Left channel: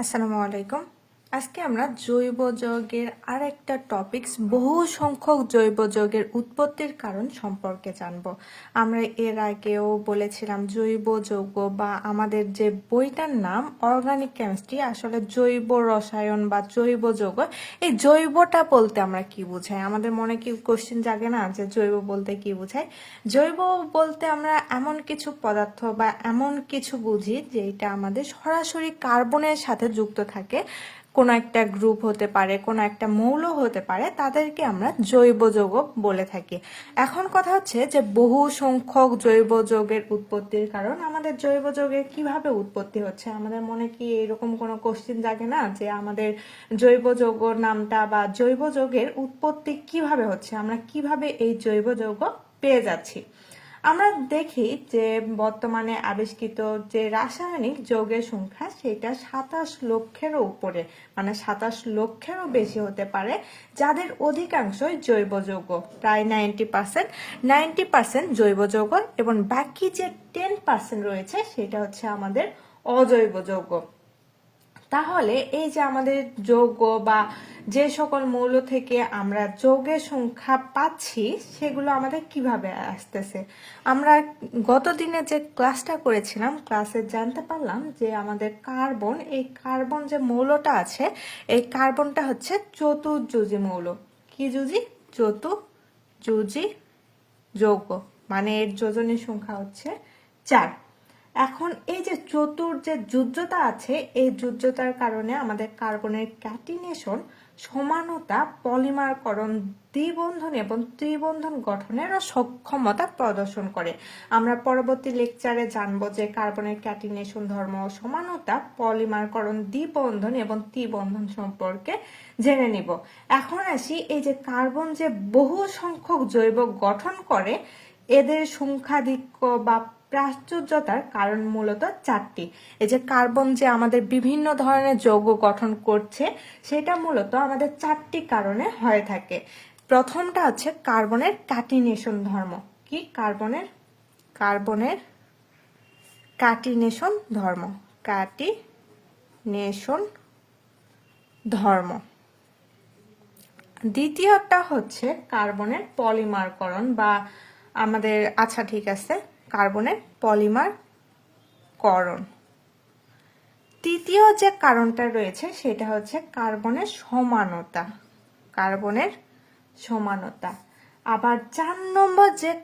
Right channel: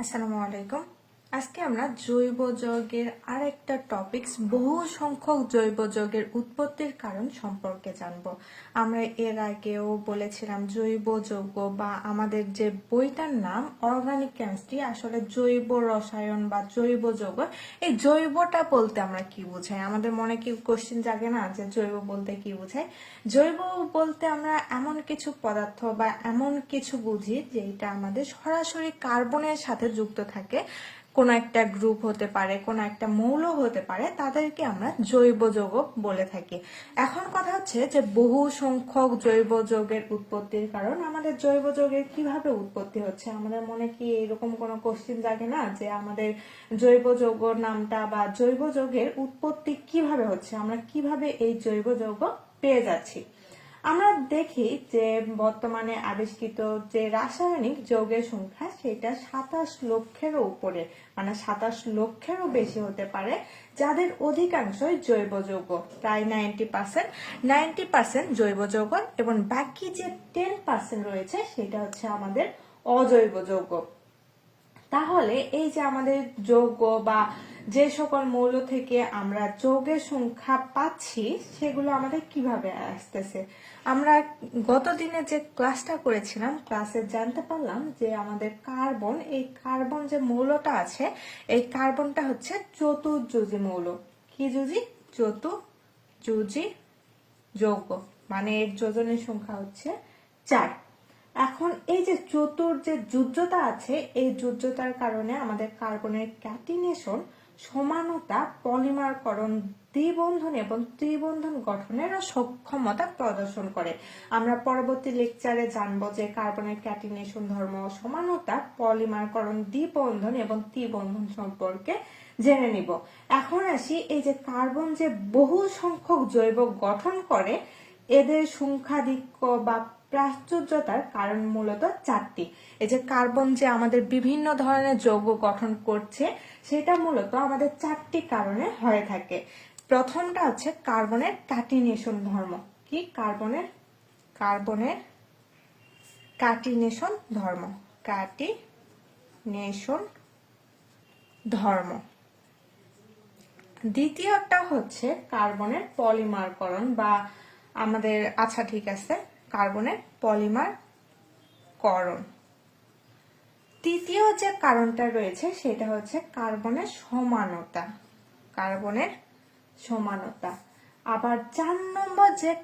আসসালামু আলাইকুম। আজকে আমরা জৈব যৌগের আর একটা টপিকস বহু সংখ্যক জৈব যৌগের উৎপত্তির কারণ সম্পর্কে জানব। আমরা এর আগেও বলেছিলাম জৈব যৌগ বা আমাদের যে বইটার নাম অর্গানিক কেমিস্ট্রি আসলে জৈব রসায়ন বা জৈব যৌগ। এই জৈবটা বলতে আমরা কি বুঝাই? আমাদের মনে কি কোশ্চেন জাগে না যে জৈব বলতে কি বুঝাই? জৈব বলতে আমরা এমন কিছু পদার্থ বা এমন কিছু বুঝি যেটা আমাদের সরাসরি কার্বনের সাথে যুক্ত থাকে। কোনো একটা গ্রুপ হতে পারে, কোনো একটা মৌল হতে পারে, তাদেরকে আমরা জৈব যৌগ বলে থাকি। এখন কথা হচ্ছে যে বহু সংখ্যক জৈব যৌগের উৎপত্তির কারণ। আমাদের জৈব যৌগের কীভাবে উৎপত্তি হচ্ছে? আমাদের মনে কি এরকম কোনো কোশ্চিন জাগে না যে আমাদের জৈব যৌগ নামটা বা জৈব যৌগের উৎপত্তি কীভাবে হচ্ছে? আমরা কীভাবে এই জৈব যৌগ পেয়ে যাচ্ছি? আমরা দেখি যে বর্তমানে আবিষ্কৃত যে রাসায়নিক যৌগের সংখ্যা, সেটা সাতাশ লক্ষেরও উপরে মানে সাতাশ লক্ষেরও বেশি হতে পারে, যাদের অধিকাংশই জৈব যৌগ, প্রায় নাইনটি পার্সেন্ট নাইনটি পার্সেন্ট জৈব যৌগ, এবং বাকি যে টেন পার্সেন্ট রয়েছে, সেটা হচ্ছে আমাদের অজৈব যৌগ। তাহলে এই যে আমাদের যৌগ বা যে সকল মৌল থেকে আমরা যৌগের সংখ্যা পাচ্ছি, সেগুলো আমাদের কীভাবে আসতেছে? আমরা গত দিনে যে ক্লাসটা করেছিলাম ক্লাসে জানতে পারলাম যে আমাদের কার্বন এই কার্বন যে মৌলটা আছে, এই কার্বনটা হচ্ছে চতুর্যুজি মৌল। কি যুজি? চতুর্যুজি যৌগ। মানে এর যোজনের সংখ্যা হচ্ছে চার। এখন এই যে চতুর যে যুদ্ধতা আছে, এই যুদ্ধতার কারণে আমাদের কার্বনের ক্যাটিনেশন সমানতা, পলিমারকরণ, দ্বিবন্ধন এবং ত্রিবন্ধন গঠনের সক্ষমতা প্রদর্শন করে। আমরা পরবর্তী লেকচারে জানব যে কার্বনের ক্যাটিনেশন ধর্ম সমানতা, পলিমারকরণ, দ্বিবন্ধন এবং ত্রিবন্ধন সম্পর্কে জেনে নিব। এখন আসি এই যে কার্বন যে বহু সংখ্যক জৈব গঠন করে, এদের সংখ্যাধিক্য বা প্রাচুর্যতার কারণ মূলত চারটি। এই যে কার্বন যে আমাদের বিভিন্ন ধরনের যৌগ গঠন করছে, সেটা মূলত আমাদের চারটি কারণে হয়ে থাকে। প্রথমটা হচ্ছে কার্বনের কাটিনেশন ধর্ম। কি? কার্বনের কার্বনের কাটিনেশন ধর্ম। কাটিনেশন ধর্ম। দ্বিতীয়টা হচ্ছে কার্বনের পলিমারকরণ বা আমাদের আচ্ছা ঠিক আছে কার্বনের পলিমার করণ। তৃতীয় যে কারণটা রয়েছে, সেটা হচ্ছে কার্বনের সমানতা। কার্বনের সমানতা। আবার চার নম্বর যে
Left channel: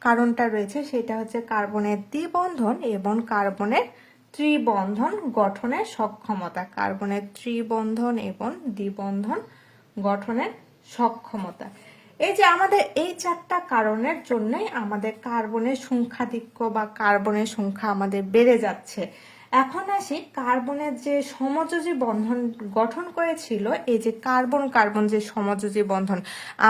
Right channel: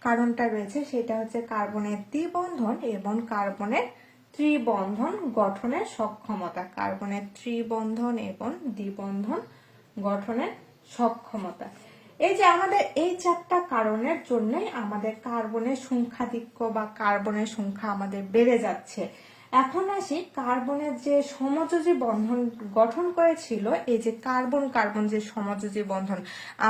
কারণটা রয়েছে, সেটা হচ্ছে কার্বনের দ্বিবন্ধন এবং কার্বনের ত্রিবন্ধন গঠনের সক্ষমতা। কার্বনের ত্রিবন্ধন এবং দ্বিবন্ধন গঠনের সক্ষমতা। এই যে আমাদের এই চারটা কারণের জন্যই আমাদের কার্বনের সংখ্যাধিক্য বা কার্বনের সংখ্যা আমাদের বেড়ে যাচ্ছে। এখন আসি কার্বনের যে সমযোজী বন্ধন গঠন করেছিল, এই যে কার্বন কার্বন যে সমযোজী বন্ধন,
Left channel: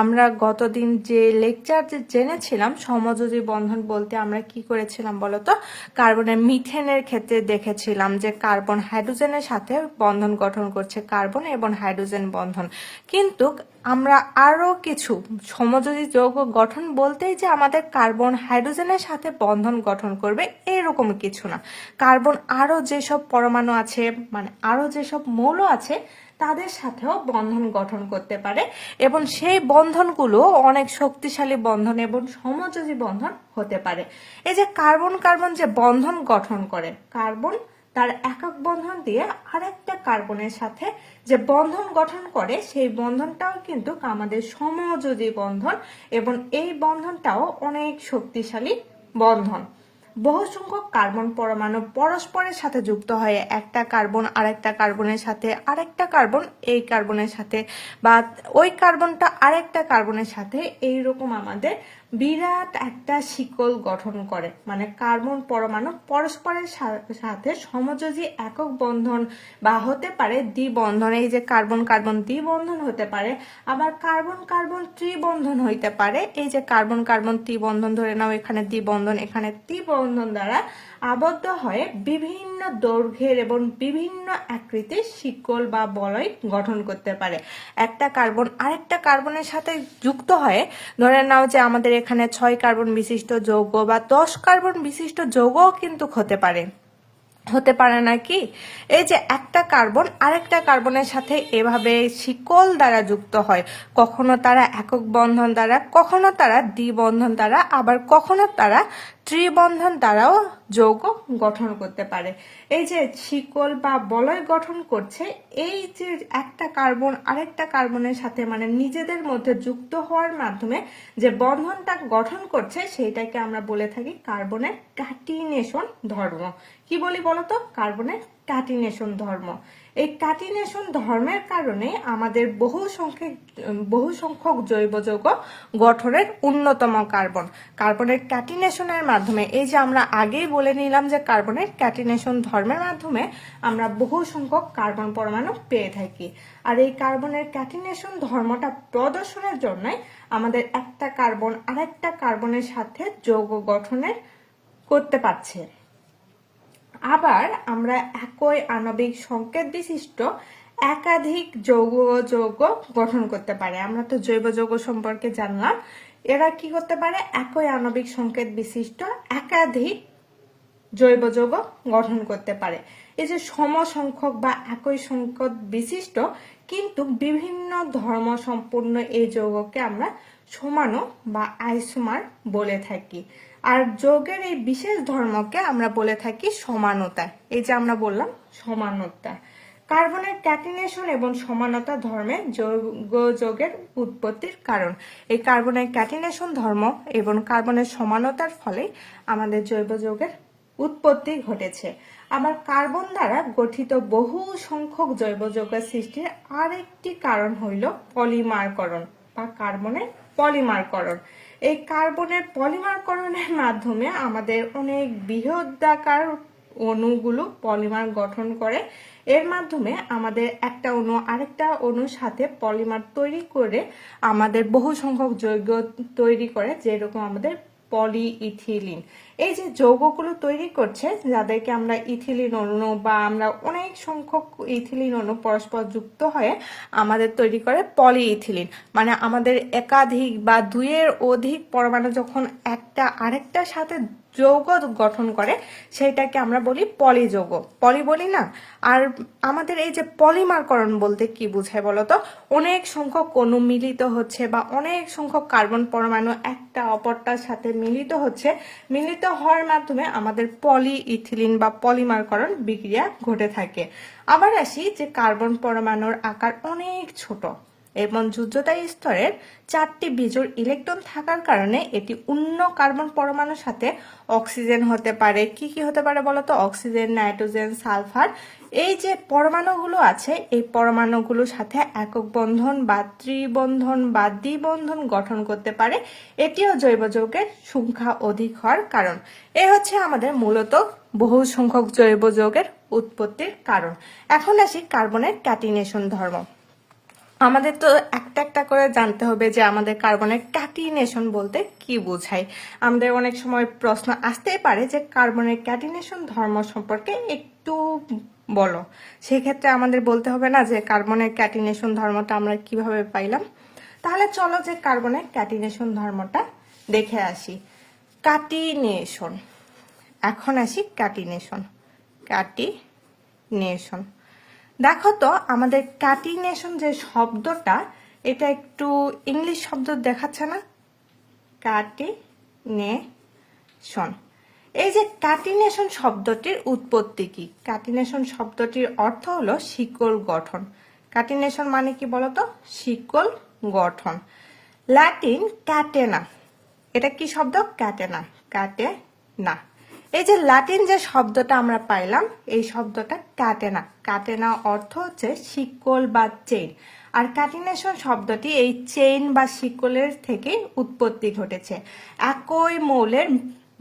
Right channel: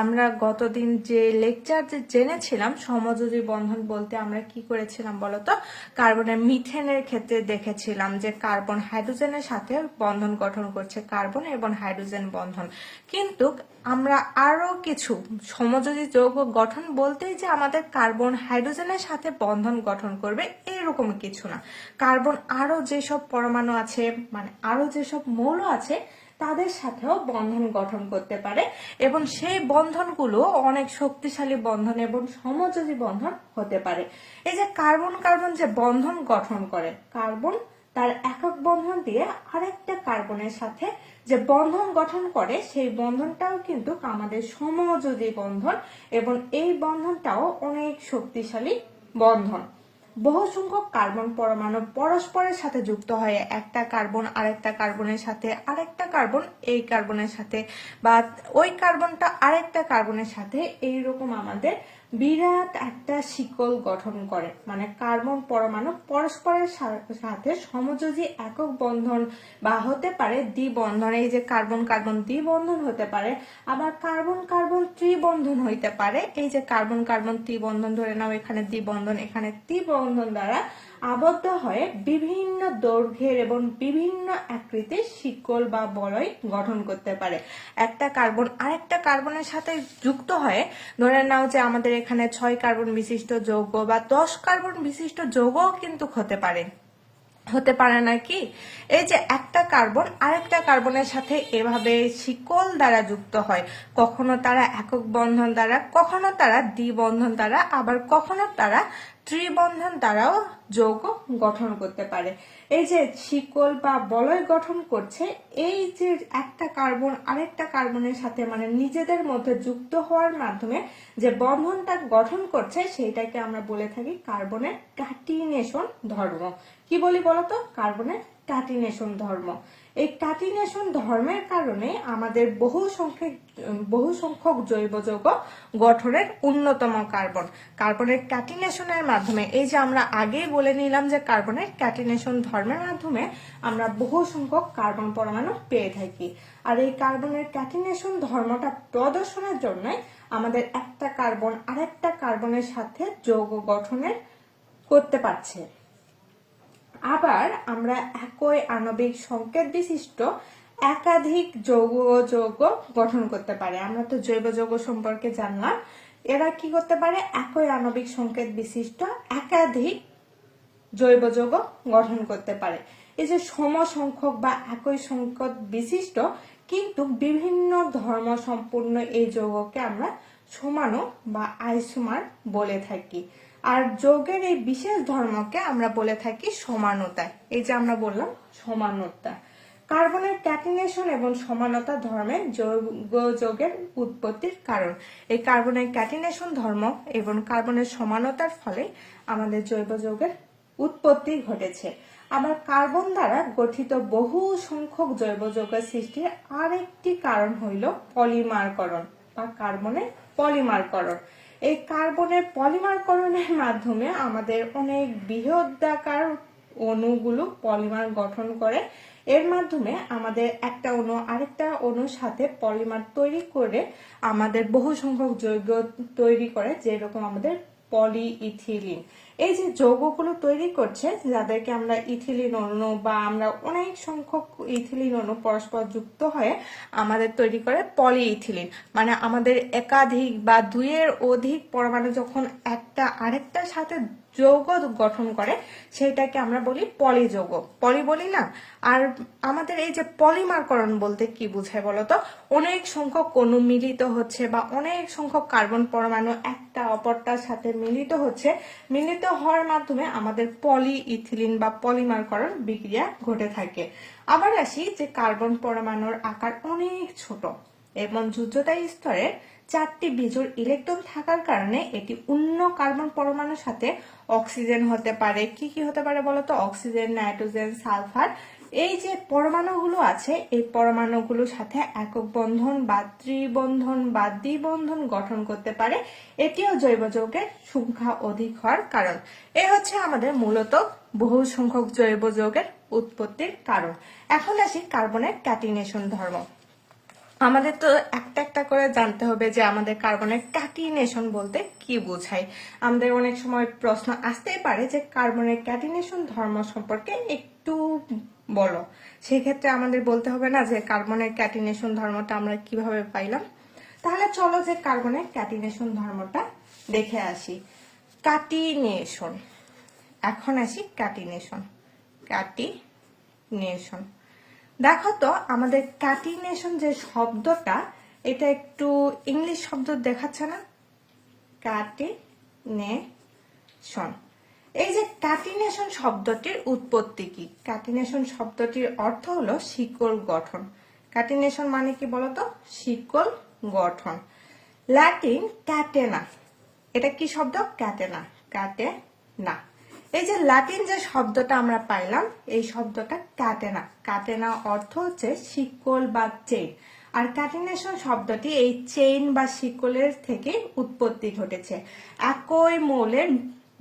আমরা গতদিন যে লেকচার যে জেনেছিলাম, সমযোজী বন্ধন বলতে আমরা কি করেছিলাম বলতো? কার্বনের মিথেনের ক্ষেত্রে দেখেছিলাম যে কার্বন হাইড্রোজেনের সাথে বন্ধন গঠন করছে কার্বন এবং হাইড্রোজেন বন্ধন। কিন্তু আমরা আরও কিছু সমযোজী যৌগ গঠন বলতেই যে আমাদের কার্বন হাইড্রোজেনের সাথে বন্ধন গঠন করবে, এরকম কিছু না। কার্বন আরও যেসব পরমাণু আছে মানে আরও যেসব মৌল আছে, তাদের সাথেও বন্ধন গঠন করতে পারে এবং সেই বন্ধনগুলো অনেক শক্তিশালী বন্ধন এবং সমযোজী বন্ধন হতে পারে। এই যে কার্বন কার্বন যে বন্ধন গঠন করে, কার্বন তার একক বন্ধন দিয়ে আরেকটা কার্বনের সাথে যে বন্ধন গঠন করে, সেই বন্ধনটাও কিন্তু আমাদের সমযোজী বন্ধন এবং এই বন্ধনটাও অনেক শক্তিশালী বন্ধন। বহু সংখ্যক কার্বন পরমাণু পরস্পরের সাথে যুক্ত হয়ে একটা কার্বন আরেকটা কার্বনের সাথে, আরেকটা কার্বন এই কার্বনের সাথে বা ওই কার্বনটা আরেকটা কার্বনের সাথে, এইরকম আমাদের বিরাট একটা শিকল গঠন করে মানে কার্বন পরমাণু পরস্পরের সাথে সমযোজী একক বন্ধন বা হতে পারে দ্বিবন্ধন। এই যে কার্বন কার্বন দ্বিবন্ধন হতে পারে, আবার কার্বন কার্বন ত্রিবন্ধন হইতে পারে। এই যে কার্বন কার্বন ত্রিবন্ধন ধরে নাও, এখানে দ্বিবন্ধন, এখানে ত্রিবন্ধন দ্বারা আবদ্ধ হয়ে বিভিন্ন দৈর্ঘ্যের এবং বিভিন্ন আকৃতির শিকল বা বলয় গঠন করতে পারে। একটা কার্বন আরেকটা কার্বনের সাথে যুক্ত হয়ে ধরে নাও যে আমাদের এখানে ছয় কার্বন বিশিষ্ট যৌগ বা দশ কার্বন বিশিষ্ট যৌগও কিন্তু হতে পারে। হতে পারে না কি? এই যে একটা কার্বন আরেকটা কার্বনের সাথে এভাবে শিকল দ্বারা যুক্ত হয়, কখনো তারা একক বন্ধন দ্বারা, কখনো তারা দ্বিবন্ধন দ্বারা, আবার কখনো তারা ত্রিবন্ধন দ্বারাও যৌগ গঠন করতে পারে। এই যে শিকল বা বলয় গঠন করছে, এই যে একটা কার্বন আরেকটা কার্বনের সাথে মানে নিজেদের মধ্যে যুক্ত হওয়ার মাধ্যমে যে বন্ধনটা গঠন করছে, সেইটাকে আমরা বলে থাকি কার্বনের ক্যাটিনেশন ধর্ম। কি বলি বলতো? কার্বনের ক্যাটিনেশন ধর্ম। এই ক্যাটিনেশন ধর্মের কারণে আমাদের বহু সংখ্যক বহু সংখ্যক জৈব যৌগ গঠনের অন্যতম কার্বন। কার্বনের ক্যাটিনেশনের মাধ্যমে, এই যে আমরা আগেই বলে নিলাম যে কার্বনের ক্যাটিনেশন ধর্মের মাধ্যমে আমরা বহু সংখ্যক কার্বন পরমাণু পেয়ে থাকি। আর এই কার্বনের ক্যাটিনেশন ধর্মটা প্রদর্শনের জন্যই আমাদের একটা কার্বন আরেকটা কার্বনের সাথে যৌগ গঠনের করতে পারছে। আবার আমরা একই আণবিক সংকেত বিশিষ্ট একাধিক যৌগ যৌগ গঠন করতে পারে। আমরা তো জৈব যৌগ সম্পর্কে জানলাম। এরা কি করতে পারে? একই আণবিক সংকেত বিশিষ্ট একাধিক জৈব যৌগ গঠন করতে পারে। এই যে সম সংখ্যক বা একই সংখ্যক বিশিষ্ট কিন্তু বিভিন্ন ধর্ম সম্পূর্ণ এই যৌগকে আমরা সমানো বা আইসোমার বলে থাকি। আর যৌগের এই বিশেষ ধর্মকে আমরা বলে থাকি সমানতা। এই যে আমরা বললাম, সমানতা। কার্বনের ক্যাটিনেশন এবং সমানতা ধর্মের যৌগ, যৌগের উৎপত্তির কারণ। এই কার্বনের ক্যাটিনেশন ধর্ম এবং কার্বনের সমানতার ফলে আমাদের জৈব যৌগের উৎপত্তি ঘটেছে। আবার কার্বন দ্বারা গঠিত বহু সংখ্যক জৈব যৌগের সৃষ্টির আরেকটি কারণ হইল পলিমারকরণ বা কার্বনের পলিমারকরণ। এই কার্বনের পলিমারকরণের মাধ্যমে আমাদের অনেক বৃহদাকার অণুগুলো পলিমার গঠন করে। এর মাধ্যমে আমাদের একটা অণু আরেকটা অণুর সাথে পলিমার তৈরি করে আমাদের বহু সংখ্যক যৌগ তৈরি করে, যেরকম আমাদের পলিইথিলিন। এই যে যৌগগুলো তৈরি করছে, যাদেরকে আমরা ইথিলিন অণু বা আমরা অনেক সংখ্যক ইথিলিন অণু পরস্পর যুক্ত হয়ে আমাদের তৈরি করে পলি ইথিলিন মানে আমাদের একাধিক বা দুইয়ের অধিক পরমাণু যখন একটা আরেকটার সাথে যৌগ গঠন করে সেটাকে আমরা বলি পলিযৌগ। পলি বলি না? আর আমাদের এই যে পলিমারকরণ বলতে কি বুঝায় বলতো অনেক সংখ্যক অণু মিলিত হচ্ছে বা অনেক সংখ্যক কার্বন পরমাণু একটা অপরটার সাথে মিলিত হচ্ছে। মিলিত হওয়ার মাধ্যমে আমাদের পলি ইথিলিন বা পলিমারকরণ বিক্রিয়া ঘটে থাকে। আবার আসি যে কার্বন পরমাণুর আকার অনেক ছোট। এবং যুদ্ধতা স্তরের চারটি বিজোড় ইলেকট্রন থাকার কারণে এটি অন্য কার্বন পরমাণুর সাথে অক্সিজেন হতে পারে। কি কি হতে পারে বলতো? Oxygen, nitrogen, sulphur. এই যে পরমাণুগুলো আছে, এই পরমাণুগুলোর সাথে একক বন্ধন বা ত্রিবন্ধন বা দ্বিবন্ধন গঠন করতে পারে। এটিও জৈব যৌগের সংখ্যা অধিক হওয়ার কারণ। এ হচ্ছে আমাদের মূলত বহু সংখ্যক জৈব যৌগের উৎপত্তির কারণ। এখন আসি কার্বনের ক্যাটিনেশন ধর্ম। আমাদের তো একটা একটা করে জানতে হবে যে আমাদের কার্বনের ক্যাটিনেশন বলতে কি বোঝায়। আমাদের অনেক সময় প্রশ্ন আসতেই পারে যে কার্বনের ক্যাটিনেশন ধর্ম সম্পর্কে একটু বলো। সেক্ষেত্রে আমাদের বলতে হবে না যে কার্বনের ক্যাটিনেশন ধর্মটা আমরা কীভাবে পাইলাম। তাহলে চলো যে কার্বনের ক্যাটিনেশন ধর্মটা দেখে আসি। ক্যাটিনেশন। এখন আসি ক্যাটিনেশন। ক্যাটিনেশন। দেখো তো, আমাদের ক্যাটিনেশন যে শব্দটা, এটা একটু ইংলিশ শব্দ দেখাচ্ছে না? ক্যাটিনেশন। এই যে ক্যাটিনেশন শব্দটির উৎপত্তি কি? ক্যাটিনেশন শব্দটির অর্থ হলো শিকল গঠন। ক্যাটিনেশন মানে কি বলতো? শিকল গঠন। Latin catena. এটা কি শব্দ? ক্যাটেনা। ক্যাটে না এই যে ল্যাটিন যে শব্দটা আমরা পাইলাম, এই শব্দটা কাটেনা কাটেনা অর্থ হচ্ছে শিকল বা চেইন আর ক্যাটিনেশন শব্দটি এই চেইন বা শিকলের থেকে উৎপত্তি ঘটেছে। একই মৌলের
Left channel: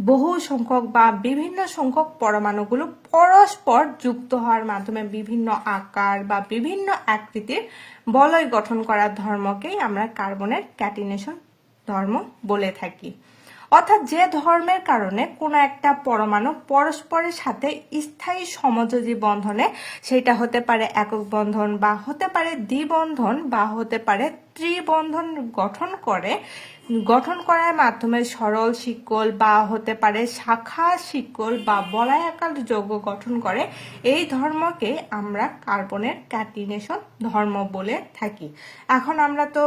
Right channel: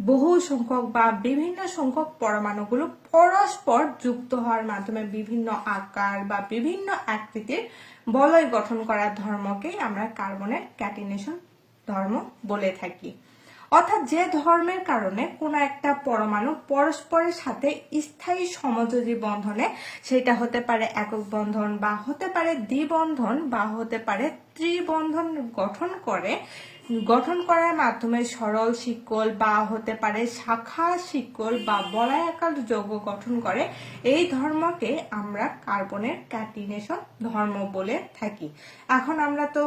বহু সংখ্যক বা বিভিন্ন সংখ্যক পরমাণুগুলো পরস্পর যুক্ত হওয়ার মাধ্যমে বিভিন্ন আকার বা বিভিন্ন আকৃতির বলয় গঠন করার ধর্মকেই আমরা কার্বনের ক্যাটিনেশন ধর্ম বলে থাকি। অর্থাৎ যে ধর্মের কারণে কোনো একটা পরমাণু পরস্পরের সাথে স্থায়ী সমযোজী বন্ধনে, সেটা হতে পারে একক বন্ধন বা হতে পারে দ্বিবন্ধন বা হতে পারে ত্রিবন্ধন গঠন করে, গঠন করার মাধ্যমে সরল শিকল বা হতে পারে শাখা শিকল বা বলায়াকার যৌগ গঠন করে। এই ধর্মকে আমরা কার্বনের ক্যাটিনেশন ধর্ম বলে থাকি। এখন আমরা তো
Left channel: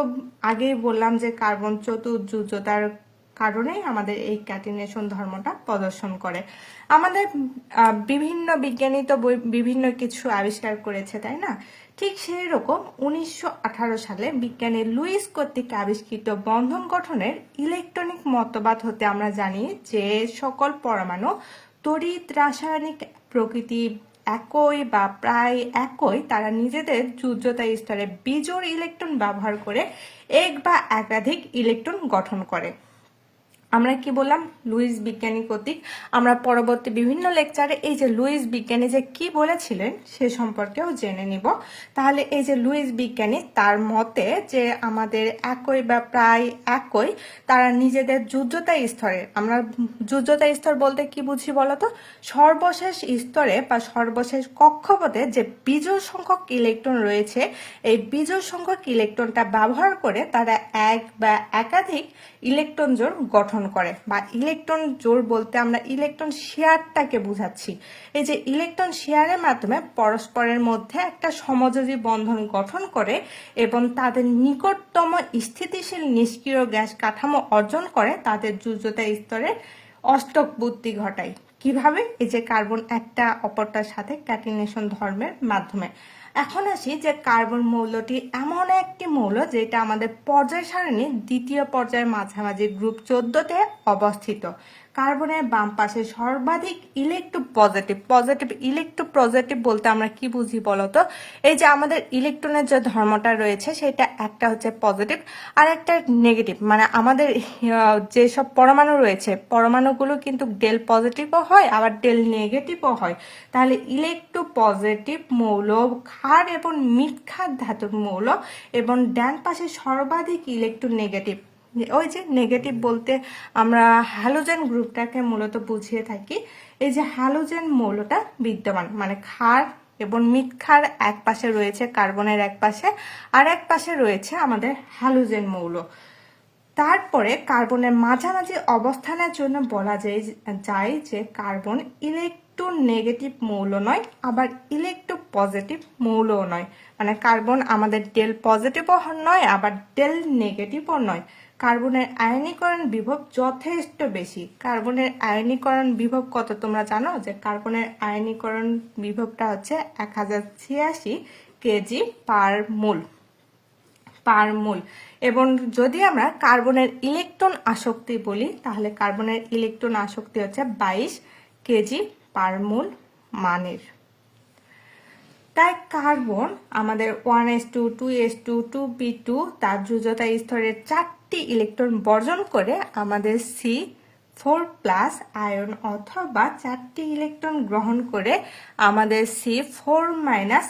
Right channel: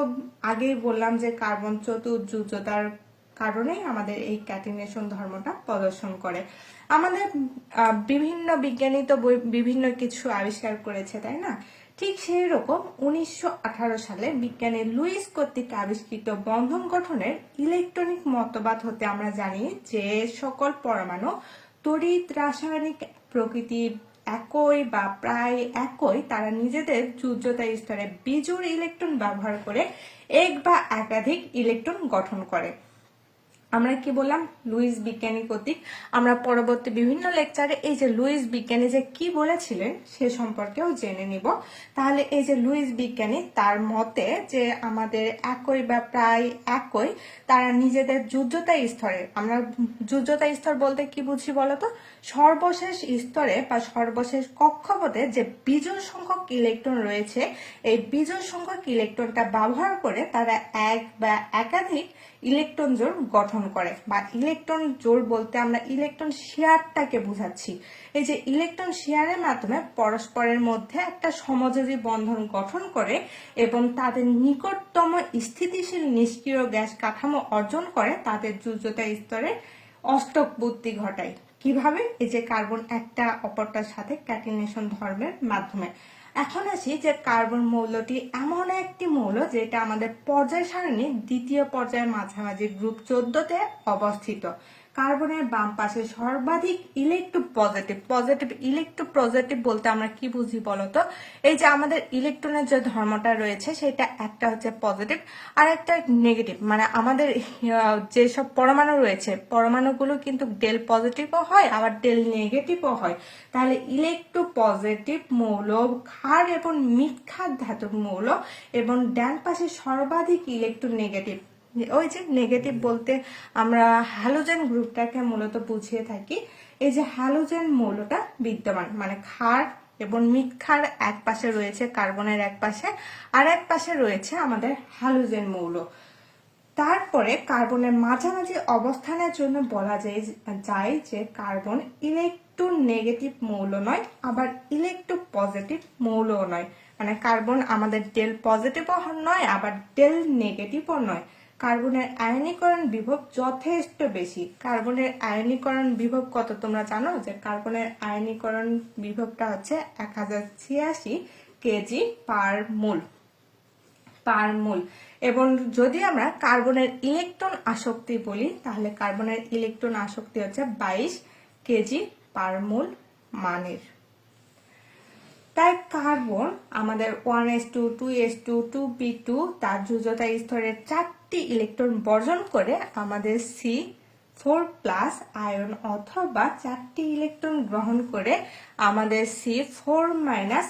আগেই বললাম যে কার্বন চতুর্যুজতার কারণেই আমাদের এই ক্যাটিনেশন ধর্মটা প্রদর্শন করে। আমাদের বিভিন্ন বিজ্ঞানী তো বিভিন্ন কিছু আবিষ্কার করেছে, তাই না? ঠিক সেই রকম উনিশশো আঠারো সালে বিজ্ঞানী লুইস কর্তৃক আবিষ্কৃত বন্ধন গঠনের ইলেকট্রনিক মতবাদ হতে আমরা জানি যে, সকল পরমাণু তড়িৎ রাসায়নিক প্রকৃতি একই বা প্রায় একই, তারা নিজেদের যুদ্ধতা স্তরে বিজোড় ইলেকট্রন ব্যবহার করে এক বা একাধিক ইলেকট্রন গঠন করে। আমরা কি বললাম? লুইস বিজ্ঞানী কর্তৃক। আমরা পরবর্তী বিভিন্ন লেকচারে এই যে লুইস বিজ্ঞানী যে কি বলেছিলেন সে সম্পর্কেও জেনে নিব। তাহলে এই যে লুইস বিজ্ঞানী, তার মতে যে আমাদের একই বা প্রায় একই, তারা নিজেদের যুদ্ধতা স্তরে, আমরা যুদ্ধতা স্তর বলতে কি বুঝি বলতো? সর্বশেষ স্তরে বা সর্বশেষ কক্ষপথে যে বিজোড় সংখ্যক ইলেকট্রন রয়েছে, এই বিজোড় সংখ্যক ইলেকট্রনটা ব্যবহার করে তারা এক বা একাধিক ইলেকট্রন জোড় গঠন করে বা ইলেকট্রন জোড় বলতে আমরা ইলেকট্রন শেয়ারটাকে বুঝাচ্ছি। এই যে ইলেকট্রন শেয়ারের মাধ্যমে পরস্পরের মধ্যে একটা সমযোজী বন্ধন গঠন করে এবং তাদের নিকটতম স্থিতিশীল নিষ্ক্রিয় গ্যাস কাঠামো অর্জন করে তাদের যুজতা স্তরে অষ্টক বুদ্ধি ঘটায়। কীভাবে? এই যে কার্বন একটা, অপরটার সাথে ক্যাটিনেশন ধর্মের মাধ্যমে। এখন আসি যে কার্বন মৌলটি এমন একটি মৌল যেটা আমাদের পর্যায় সারণীর দ্বিতীয় পর্যায়ের মাঝামাঝি গ্রুপ চোদ্দতে অবস্থিত। কার্বনের বাম পাশে সর্বাধিক electro positive positive electro positive বলতে আমরা কি বুঝি বলতো? এই যে আমাদের ইলেকট্রনের যে ধর্মটা রয়েছে, সেটা একটা হচ্ছে পজিটিভ আর একটা নেগেটিভ মানে আমাদের যেসব পরমাণু রয়েছে, পরমাণুগুলো কিন্তু ডেল পজিটিভও হয়, আবার ডেল নেগেটিভও হয়। তাহলে ইলেকট্রো পজিটিভ মৌল, ক্ষার এবং মিট ক্ষার ধাতুর মৌল এবং ডান পাশে সর্বাধিক ইলেকট্রো নেগেটিভ ওই যে নেগেটিভ বলতে আমরা হ্যালোজেন গ্রুপটাকে মূলত বুঝিয়ে থাকি, এই যে হ্যালোজেন মৌলটা বিদ্যমান মানে ক্ষার এবং ক্ষার এক পাশে রয়েছে কার্বনের এক পাশে আর এক পাশে রয়েছে আমাদের হ্যালোজেন মৌল। তারপরে কার্বনের মাঝামাঝি অবস্থানের জন্য বলা যায় যায় যে কার্বন ইলেকট্রো নেগেটিভ মৌল নয়, আবার ইলেকট্রো পজিটিভ মৌলও নয়। মানে কার্বন আমাদের ডেল পজিটিভও নয়, আবার ডেল নেগেটিভও নয়। কার্বনের আয়নীকরণ বিভব যথেষ্ট বেশি। কার্বনের আয়নীকরণ বিভব কত তোমরা জানো? যে কার্বনের আয়নীকরণ বিভবটা হচ্ছে এক হাজার ছিয়াশি KG per mole. Per mole. এবং যদি আমরা কার্বনের ইলেকট্রন আসক্তি বলি, তাহলে কার্বনের ইলেকট্রন আসক্তি হচ্ছে বাইশ কেজি পার মোল মানের। তাই কার্বন আমাদের one S two two S two two P two তার যুজতা স্তরের চারটি ইলেকট্রন বর্জন করে আমাদের সি ফোর প্লাস আয়ন অথবা চারটি ইলেকট্রন গ্রহণ করে আমাদের সি ফোর মাইনাস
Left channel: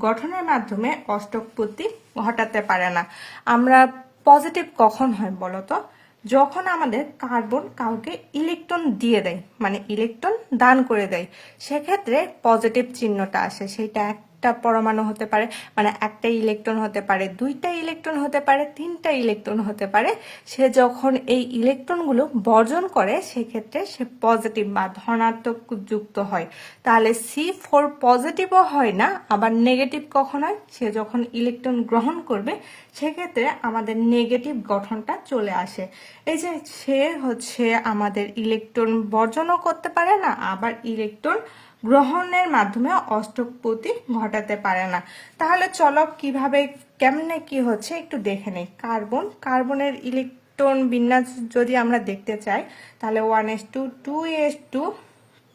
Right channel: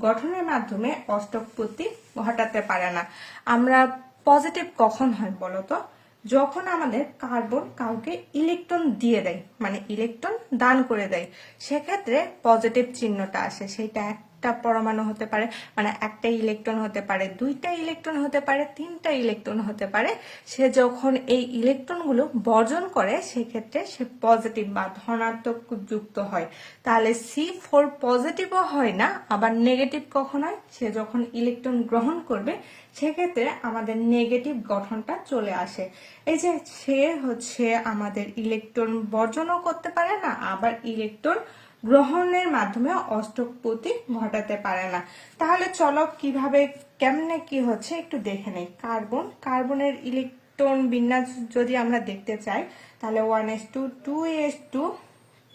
গঠনের মাধ্যমে অষ্টকপতি ঘটাতে পারে না। আমরা পজিটিভ কখন হয় বলতো? যখন আমাদের কার্বন কাউকে ইলেকট্রন দিয়ে দেয় মানে ইলেকট্রন দান করে দেয়, সেক্ষেত্রে পজিটিভ চিহ্নটা আসে, সেটা একটা পরমাণু হতে পারে মানে একটা ইলেকট্রন হতে পারে, দুইটা ইলেকট্রন হতে পারে, তিনটা ইলেকট্রন হতে পারে, সে যখন এই ইলেকট্রনগুলো বর্জন করে, সেক্ষেত্রে সে পজিটিভ বা ধনাত্মক যুক্ত হয়। তাহলে সি ফোর পজিটিভও হয় না, আবার নেগেটিভ কখন হয়? সে যখন ইলেকট্রন গ্রহণ করবে, সেক্ষেত্রে আমাদের নেগেটিভ গঠনটা চলে আসে। এই যে সে হচ্ছে আমাদের ইলেকট্রন বর্জনও করতে পারে না, আবার ইলেকট্রন গ্রহণের মাধ্যমে অষ্টকপতি ঘটাতে পারে না। তাহলে চলো কীভাবে, কেমনে কি হচ্ছে একটু দেখে নেই। কার্বন, কার্বনের ইলেকট্রন বিন্যাস যদি আমরা দেখতে চাই, তাহলে one S two two S two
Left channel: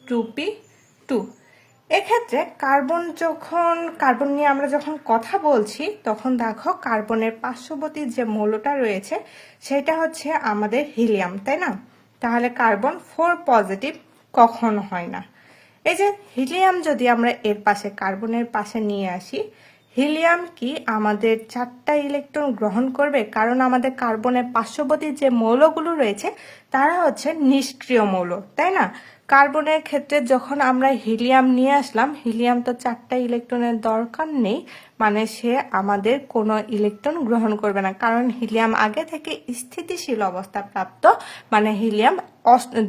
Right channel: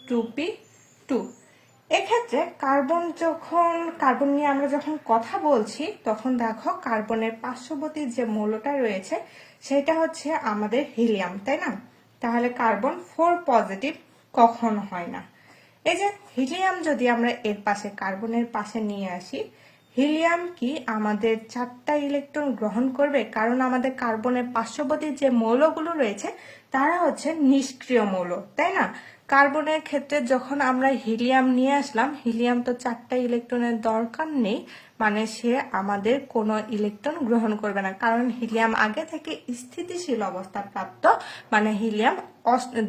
two P two. এক্ষেত্রে কার্বন যখন, কার্বন নিয়ে আমরা যখন কথা বলছি, তখন দেখো কার্বনের পার্শ্ববর্তী যে মৌলটা রয়েছে, সেটা হচ্ছে আমাদের হিলিয়াম, তাই না? তাহলে কার্বন ফোর পজিটিভ কখন হয় না। এই যে হিলিয়াম যদি আমরা এর পাশে, কার্বনের পাশে নিয়ে আসি, হিলিয়াম কি আমাদের চারটা ইলেকট্রন গ্রহণ করবে? কারণ আমাদের কার্বনের পার্শ্ববর্তী যে মৌলগুলো রয়েছে, তারা হচ্ছে নিষ্ক্রিয় মৌল, তাই না? কার্বনের ক্ষেত্রে যখন আমরা হিলিয়াম নিয়ে আসলাম, হিলিয়াম তো চারটা ইলেকট্রনের দরকার নেই মানে সে আমাদের কোনো ইলেকট্রন গ্রহণ করবে না। কারণ হিলিয়াম আগে থেকে স্থিতিশীল অবস্থা প্রাপ্ত মানে হিলিয়াম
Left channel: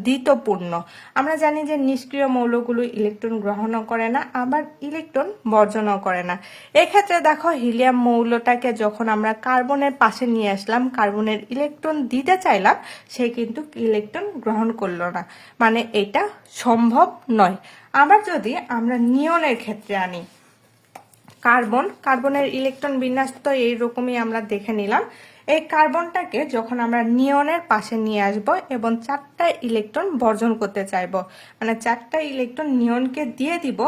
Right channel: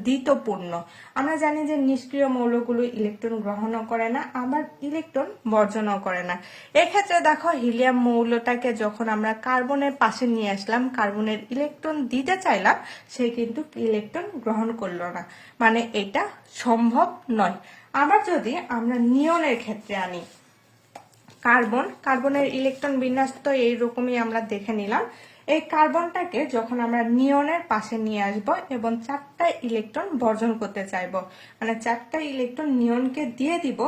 দ্বিতপূর্ণ আমরা জানি যে নিষ্ক্রিয় মৌলগুলো ইলেকট্রন গ্রহণও করে না, আবার ইলেকট্রন বর্জনও করে না। এক্ষেত্রে দেখো, হিলিয়াম মৌলটাকে যখন আমরা কার্বনের পাশে নিয়ে আসলাম, কার্বনের ইলেকট্রন দিতে চাইলাম, সে কিন্তু ইলেকট্রন গ্রহণ করল না। মানে এটা সম্ভব নয়। আবার যদি আমরা নিয়নের ক্ষেত্রে আনি কার্বন, কার্বনের ইলেকট্রন বিন্যাস তো এইরকমই আমরা দেখে নিলাম। এই কার্বনটাকে যখন আমরা নিয়নের পাশে নিয়ে আসব এবং চারটা ইলেকট্রন বর্জন করতে চাইব মানে চারটা ইলেকট্রন নিয়নকে দিয়ে দিব,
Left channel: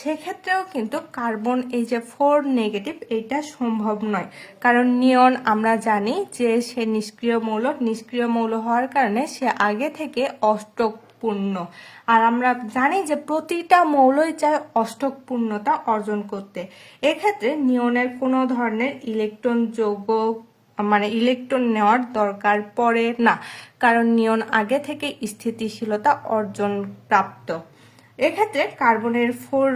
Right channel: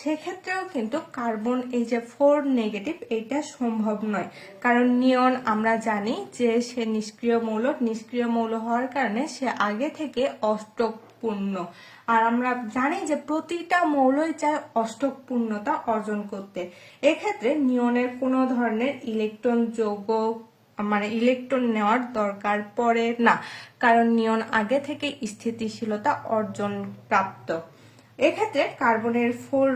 সেক্ষেত্রেও কিন্তু কার্বন এই যে ফোর নেগেটিভ এটা সম্ভব নয়। কারণ নিয়ন আমরা জানি যে সে নিষ্ক্রিয় মৌল নিষ্ক্রিয় মৌল হওয়ার কারণে সে আগে থেকে অষ্টক পূর্ণ আর আমরা জানি যে প্রতিটা মৌলই চায় অষ্টক পূর্ণতা অর্জন করতে। এক্ষেত্রে নিয়নের কোনো ধরনের ইলেকট্রন যৌগ মানে ইলেকট্রন নেওয়ার দরকার পড়ে না। কারণ নিয়ন আগে থেকে স্থিতিশীলতা অর্জন প্রাপ্ত। এক্ষেত্রে কার্বনের ফোর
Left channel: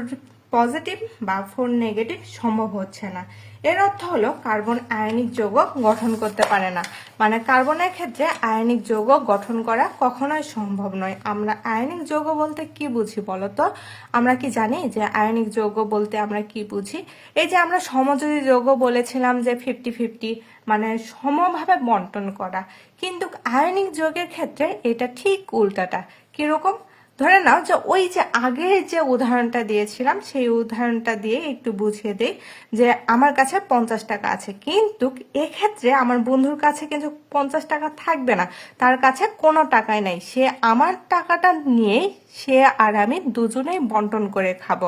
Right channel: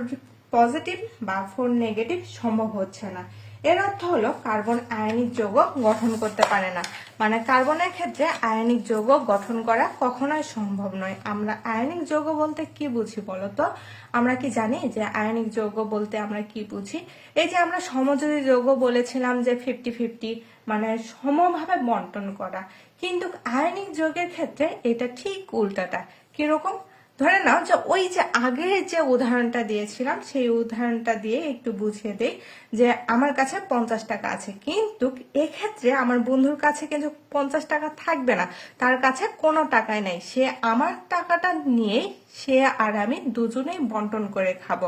পজিটিভ বা ফোর নেগেটিভ সম্ভব হচ্ছে না। এর অর্থ হলো কার্বন আয়নিক যৌগ গঠন করতে পারে না। মানে কার্বনের ক্ষেত্রে আয়নিক যৌগ গঠন করা কখনোই সম্ভব নয়। আমরা আয়নিক যৌগ বলতে কি বুঝি বলতো আমরা কি জানি যে আয়নিক যৌগ বলতে আমরা কি বুঝি? এই যে আমরা সমযোজী যৌগ বলেছিলাম যে ফিফটি ফিফটি মানে সমভাবে বন্টন করা। কিন্তু আয়নিক যৌগের ক্ষেত্রে এটা ঠিক উল্টাটা। কীরকম? ধরে নাও যে ওই যে আগের যে উদাহরণটা দিয়েছিলাম, সেই উদাহরণটা দিয়ে একটু বুঝিয়ে দেই যে আমার কাছে পঞ্চাশ টাকা আছে। কিন্তু এক্ষেত্রে আমার বন্ধুর কাছে কিন্তু পঞ্চাশ টাকা থাকবে না। তার কাছে কোনো টাকাই নাই। সে আমার টাকাটা নিয়ে সে আর আমি দুজনেই বন্টন করে খাব।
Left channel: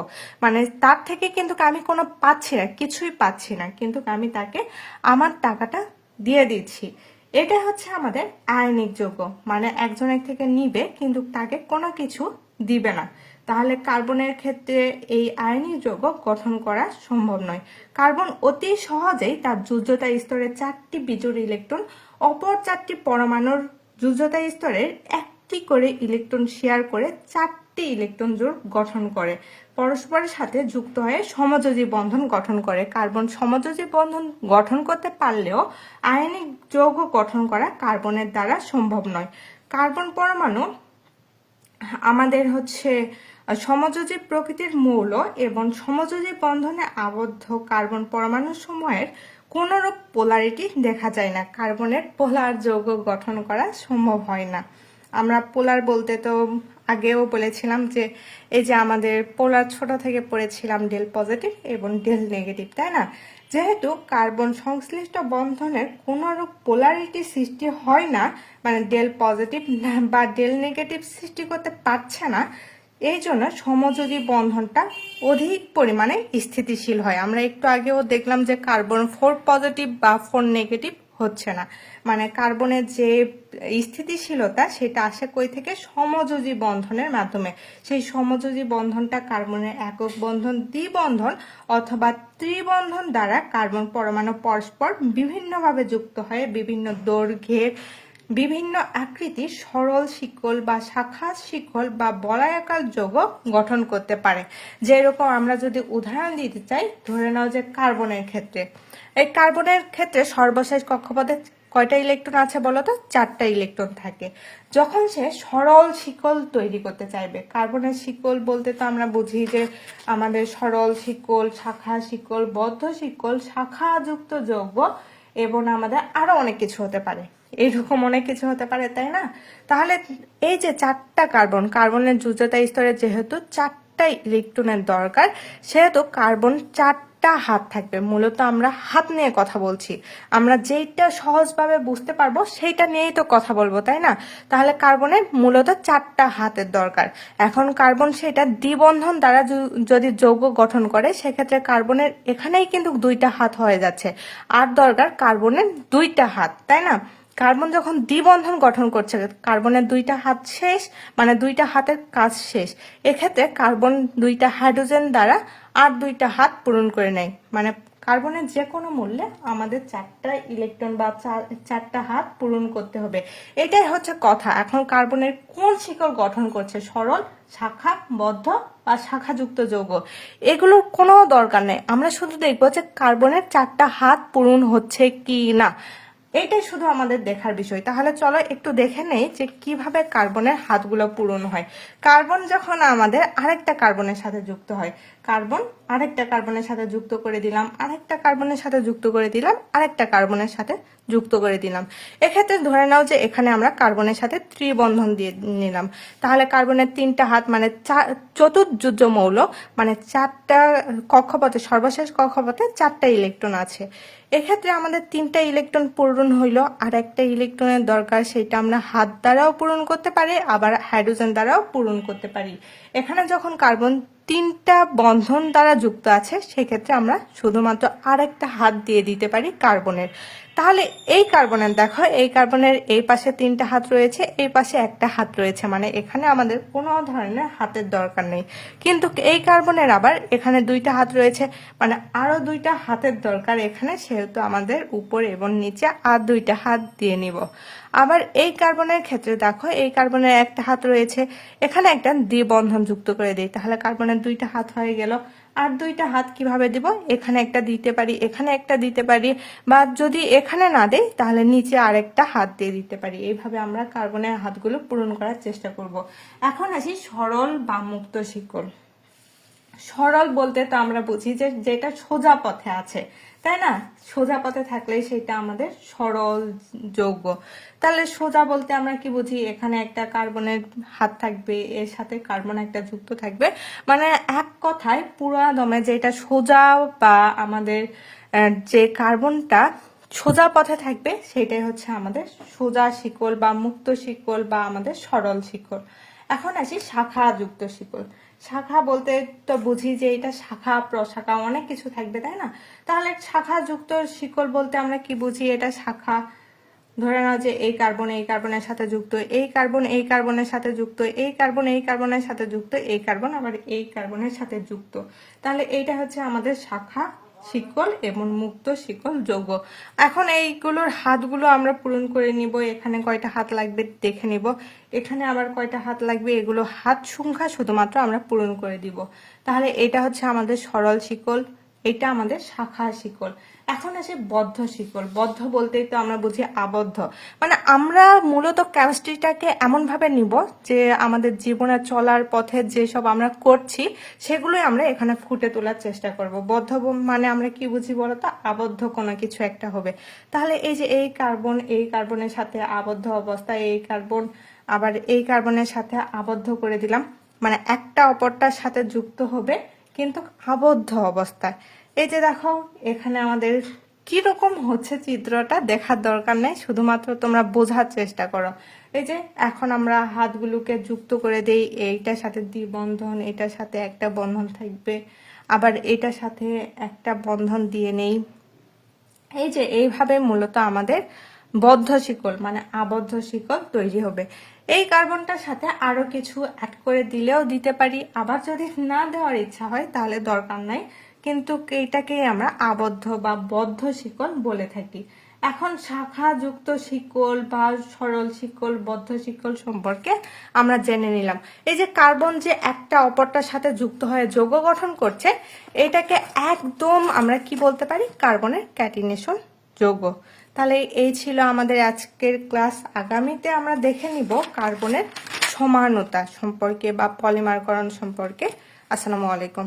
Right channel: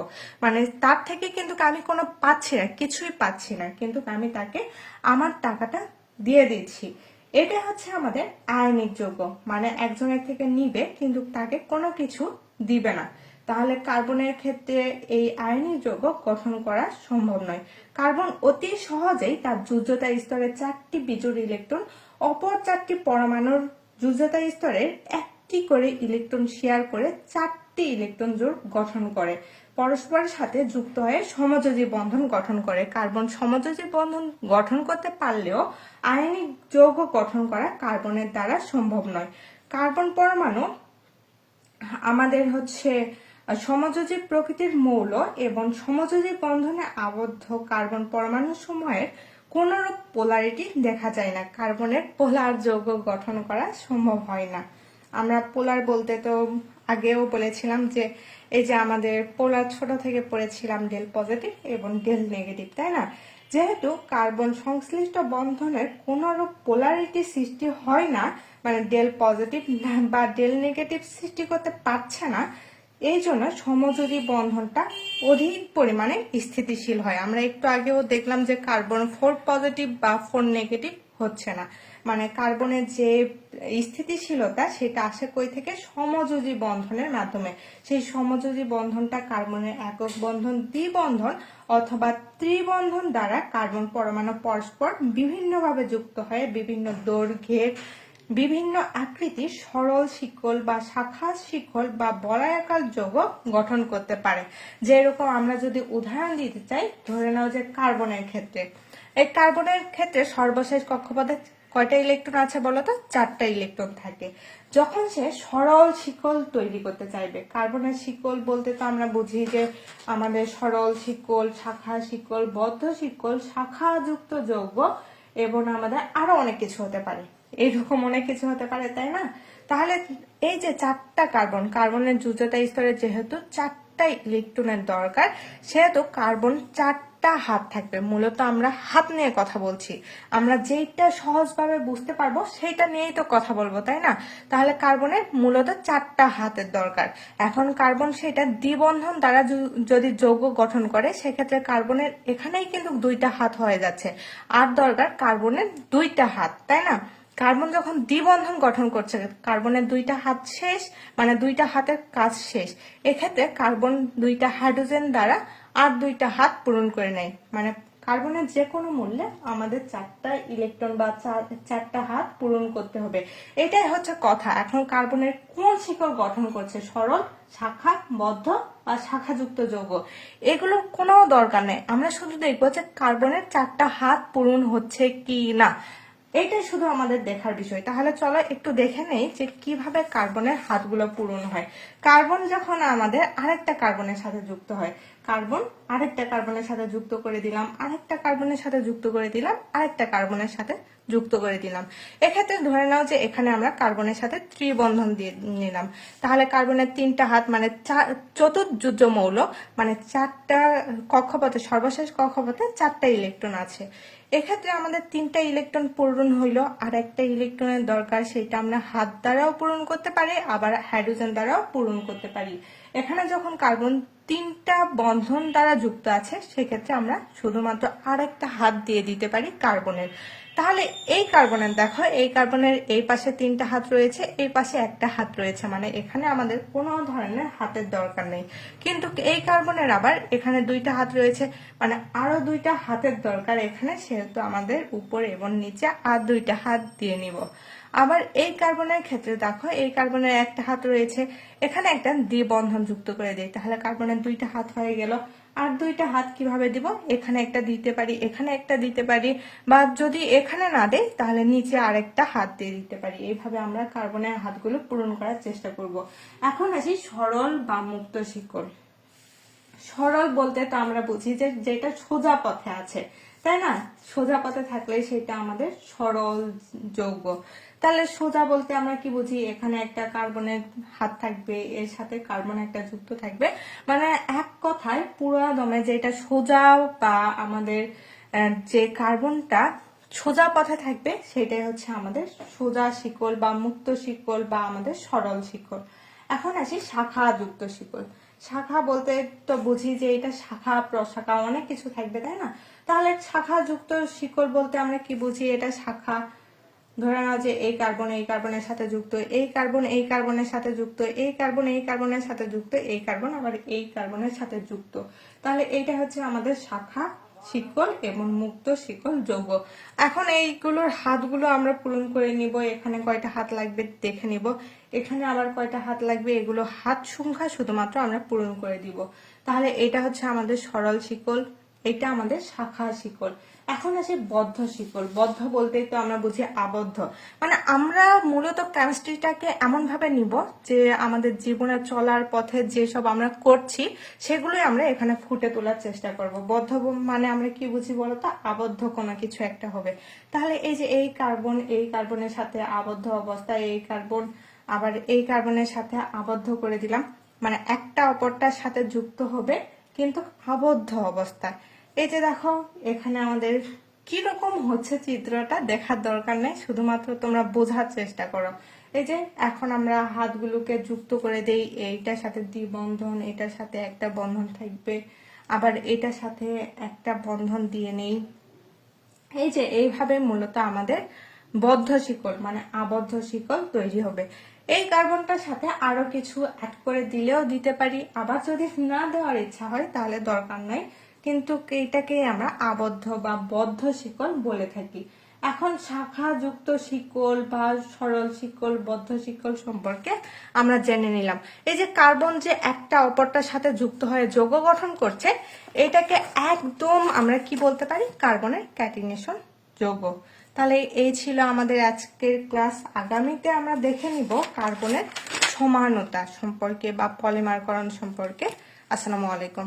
মানে তার থেকে কিন্তু আমি কোনো পাচ্ছি না, কিছুই পাচ্ছি না। কিন্তু আমি তাকে আমার টাকাটা দিয়ে দিচ্ছি। এটা হচ্ছে আমাদের আয়নিক যৌগ। মানে একজনের থেকে নিবে, কিন্তু তাকে কোনো কিছু দিবে না। তাহলে কার্বনের ক্ষেত্রে এই আয়নিক যৌগ গঠন করা সম্ভব নয়। কার্বন অতি সহজেই তার যোজ্যতা স্তরের চারটি বিজোড় ইলেকট্রন, অপর চারটি পরমাণুর যোজ্যতা স্তরের একটি করে ইলেকট্রন শেয়ার করে চারটি ইলেকট্রন জোড় গঠন করে। পরস্পরের সাথে যুক্ত হয়ে সমযোজী বন্ধন গঠন করে। কার্বন সমযোজী বন্ধন গঠন করতে পারলেও আয়নিক যৌগ গঠন করা কার্বনের দ্বারা সম্ভব নয়। কার্বন পরমাণু আমাদের হচ্ছে সমযোজী প্রকৃতির মৌল এবং সমযোজী বন্ধনে আবদ্ধ কার্বন পরমাণু সময়ের কোনরূপ পোলারিটি দেখা যায় না। কার্বনের পোলার যৌগ গঠন করা সম্ভব হয় না। আমরা পোলার বলতে তো আগেও বলেছিলাম যে এই যে আমাদের পোলার ছোট থেকে পড়েছিলাম ডেল পজিটিভ এবং ডেল নেগেটিভ, তাই না? যেহেতু কার্বন সংশ্লিষ্ট বন্ধনের কোনরূপ পোলারিটি সৃষ্টি হয় না মানে ডেল পজিটিভ বা ডেল নেগেটিভ সৃষ্টি করতে পারছে না, এই জন্য সমযোজী বন্ধনটা অধিক পরিমাণে স্থিতিশীল হয়। আমরা একটু আগেও দেখলাম যে কার্বন ফোর পজিটিভ বা ফোর নেগেটিভ হচ্ছে না। মানে কার্বনের যে স্থিতিশীলতা, সেটা আসে কই থেকে? সমযোজী বন্ধনের মাধ্যমে। সেই সমযোজী বন্ধনটা কার্বনের একক বন্ধন, দ্বিবন্ধন অথবা ত্রিবন্ধন দ্বারা কার্বন পরমাণু পরস্পর বিভিন্নভাবে যুক্ত হয়ে বিভিন্ন দৈর্ঘ্যের বিভিন্ন আকৃতির সরল শিকল বা শাখা শিকল বা বলায়াকার যৌগ গঠন করতে পারে। যেরকম আমরা যদি উদাহরণ দিতে চাই, ধরে নাও যে কার্বনের ক্ষেত্রে। এই কার্বনের ক্ষেত্রে সর্বশেষ কক্ষপথে কয়টা ইলেকট্রন আছে বলতো? চারটা ইলেকট্রন থাকে। যখন সে সরল শিকল তৈরি করতে চাইবে কার্বনের শিকল বলতে তো আমরা বুঝি যে আমাদের সরল শিকল, শাখা শিকল, বদ্ধ শিকল, শাখাযুক্ত যৌগ এবং আমাদের আরও অনেক কিছু হতে পারে। এইরকম অনেক কিছু হতে পারে, তাই না? তাহলে এই যে চারটা কার্বন কার্বনের যোজ্যতা স্তরে যেহেতু চারটা ইলেকট্রনের দরকার, সেহেতু কার্বন চারটা হাত থাকবে। মূলত আমরা হাত নিয়ে কথা বলছি। আমরা যেইটা সহজভাবে বুঝতে পারব, সেইটা নিয়েই তো কথা বলব, তাই না? তাহলে কার্বনের মূলত চারটা হাতের দরকার। এখন কার্বন সেটা দ্বিবন্ধন দ্বারা যদি যৌগ গঠন করে, সেক্ষেত্রে কার্বনের এখানেই কিন্তু দুইটা হাত হয়ে যাচ্ছে। আর দরকার কার্বনের দুইটা হাত, তাই না? কার্বন যখন দ্বিবন্ধন গঠন করছে, কার্বনের দুইটা হাত শেষ মানে দুইটা হাতের কাজ শেষ। এক্ষেত্রে কার্বন দুইটা হাইড্রোজেন দ্বারা আর দুইটা হাত পূরণ করে নেয়। মানে কার্বনের যে কোনো মূল্যে আমাদের চারটা ইলেকট্রন বা চার- চারটা হাত পূরণ করতে হবে। এটাই হচ্ছে কথা। এখন কার্বনের কোন শিকড় গঠন করছে? সরল, শাখা, বদ্ধ বা শাখাযুক্ত যৌগ। এগুলোর কোনো দরকার নেই। আমরা শুধু দেখব যে কার্বনের চারটা হাত পূরণ হচ্ছে কি না। এটাই শুধু আমাদের দেখার বিষয়। তাহলে চলো একটু দেখে নেই যে কীভাবে কার্বনের হাতগুলো পূরণ হয়। কার্বন যখন আমাদের আরেকটা কার্বনের সাথে যুক্ত হয় কার্বন আরেকটা কার্বনের সাথে যুক্ত করে দিলাম, আরেকটা কার্বনের সাথে যুক্ত করে দিলাম, আরেকটা কার্বনের সাথে যুক্ত করে দিলাম। এক্ষেত্রে ধরে নাও যে এখানে আমরা কার্বনের সাথে ত্রিবন্ধন দিয়ে নিলাম। তাহলে কার্বনের তিনটা হাত মানে চা- চতুর্যুজ মৌল মানে চারটা কক্ষপথে, সর্বশেষ কক্ষপথে চারটা ইলেকট্রন আছে। এক্ষেত্রে আমাদের তিনটা ইলেকট্রন পূরণ হইল, আর একটা ইলেকট্রনের দরকার, সেটা আমরা হাত দ্বারাও পূরণ করতে পারি, আবার হাইড্রোজেন দ্বারাও পূরণ করতে পারি। এখানে যখন কার্বন তিনটা বন্ধন দ্বারা যুক্ত আছে সেক্ষেত্রে আমরা শুধুমাত্র আরেকটা হাত দিয়ে দিতে পারি কার্বনের। তাহলে এই কার্বনের দেখো, এই কার্বনের এই পাশে তিনটা হাত রয়েছে, এই পাশে একটা হাত রয়েছে। মানে এখানে আমাদের কোনো ধরনের হাতের দরকার নেই। কিন্তু এই কার্বনের আবার এখানে দুইটা হাত রয়েছে। মানে আরও দুইটা হাতের দরকার এখানে, সেহেতু আমাদের উপরে এবং নিচে আর দুইটা হাত দিয়ে নিব। আবার এই কার্বনের ক্ষেত্রে দেখো, এই কার্বনের একটা হাত রয়েছে। এখানে একটা দ্বিবন্ধন যুক্ত করে দিই, তাহলে কার্বনের দুইটা হাত হয়ে গেল। আর দুইটা হাত কীভাবে দিব? এখানে একটা দিতে পারি, এখানে একটা দিতে পারি, বা যদি এখানে না দেই, তাহলে নিচে আরেকটা হাত দিয়ে দিতে পারি। এইভাবে আমরা কার্বনের হাতগুলো পূরণ করার চেষ্টা করব। এখন আসি সরল বা মুক্ত শিকড়। সরল বলতে তো আমরা বুঝি যে যেটা সোজা পথে আছে, তাই না? সোজা পথে থাকলে সেটা আমাদের সরল যৌগ। তাহলে সোজা বলতে আমরা কি বুঝি? এখানে একটা কার্বনের হাত থাকবে, এর সাথে কার্বন একটা যুক্ত থাকবে। মানে এক কথায় পুরা দমে যেটা সোজা বা আমাদের যে কার্বনটা সোজা পথে থাকবে, সেটাই হচ্ছে আমাদের সোজা শিকল বা মুক্ত শিকল বা আমাদের সরল শিকল। এখন আসি শাখা যুক্ত শিকল। শাখা বলতে তো বুঝি যে এটা শাখা, প্রশাখা, অনেক কিছু থাকবে, তাই না? তাহলে শাখা যুক্ত শিকল বলতে আমরা কি বুঝি? এটা শাখা ধরে নাও যে এই কার্বন এই কার্বনের সাথে যুক্ত, এই কার্বন এই কার্বনের সাথে যুক্ত, এই কার্বন এই কার্বনের সাথে যুক্ত, এই কার্বন আবার এই কার্বনের সাথে যুক্ত। তাহলে এইটা হচ্ছে আমাদের শাখা, শিকল এবং মুক্ত শিকল যৌগ। এখন এইগুলোর হাতগুলো আমরা পূরণ করে নিব, এখানে কয়টা হাত লাগবে দেখে নিব। এখানে আবার কয়টা হাত লাগবে, এগুলো হাত সংখ্যা শুধুমাত্র আমরা পূরণ করে দিব। তাহলে এটা হচ্ছে আমাদের সরল শিকল। এটা আমাদের শাখা শিকল এখন আসে বদ্ধ শিকল বদ্ধ বলতেই তো আমরা বুঝি আবদ্ধ। মানে আমরা মূলত কেমিস্ট্রিটাকে এমন ভাবে নিব যে আমাদের জীবনে চলার পথে যেসব আমরা করছি, সেগুলোই আমরা এখানে ফুটে তোলার চেষ্টা করব। বদ্ধ মানে আমরা কি বুঝি বলতো? আবদ্ধ কোনো কিছু একটা হবে। তাহলে এই যে এই কার্বন এই কার্বনের সাথে আবদ্ধ অবস্থায় এই কার্বন আবার এই কার্বনের সাথে আবদ্ধ করে দিলাম। মানে একটা অপরটার সাথে যুক্ত হবে কিন্তু আবদ্ধ অবস্থায়। এই যে দেখো, এখানে আমাদের রকম হচ্ছে চিত্রটা দেখার দরকার নেই, শুধুমাত্র তোমরা বোঝার চেষ্টা করো। এই যে এখন আমরা হাতগুলোকে যুক্ত করে দেই, এইটার সাথে দ্বিবন্ধন, এটার সাথে একটা বন্ধন থাকবে, আবার এটার সাথে একটা বন্ধন দিয়ে নেই। এই যে এইভাবে মূলত আমাদের বদ্ধ শিকল মানে আবদ্ধ শিকল তৈরি হবে। এই কার্বনটার সাথে আরও কিছু অ্যাড করে দিলেও দিতে পারি। আবার যদি না দেওয়ার ইচ্ছা হয়, তাহলে দরকার নাই। কিন্তু এইটাকেই আমরা আবদ্ধ বা বদ্ধ শিকল বলে থাকি। এখন শাখা যুক্ত শিকল বা সরল শিকল, বদ্ধ শিকল সম্পর্কে আমরা জেনে নিলাম। এই যে কার্বন যে একটা অপরটার সাথে যুক্ত হয়ে যৌগ গঠন করছে, এটাকে একদম আমরা কি বলতে পারি? কার্বনের ক্যাটিনেশন যৌগ। তাহলে এই ছিল আমাদের আজকের ক্লাস। আগামীতে আমরা দেখে নিব কার্বনের সমানতা সম্পর্কে বা পলিমারকরণ সম্পর্কে। আসসালামু আলাইকুম।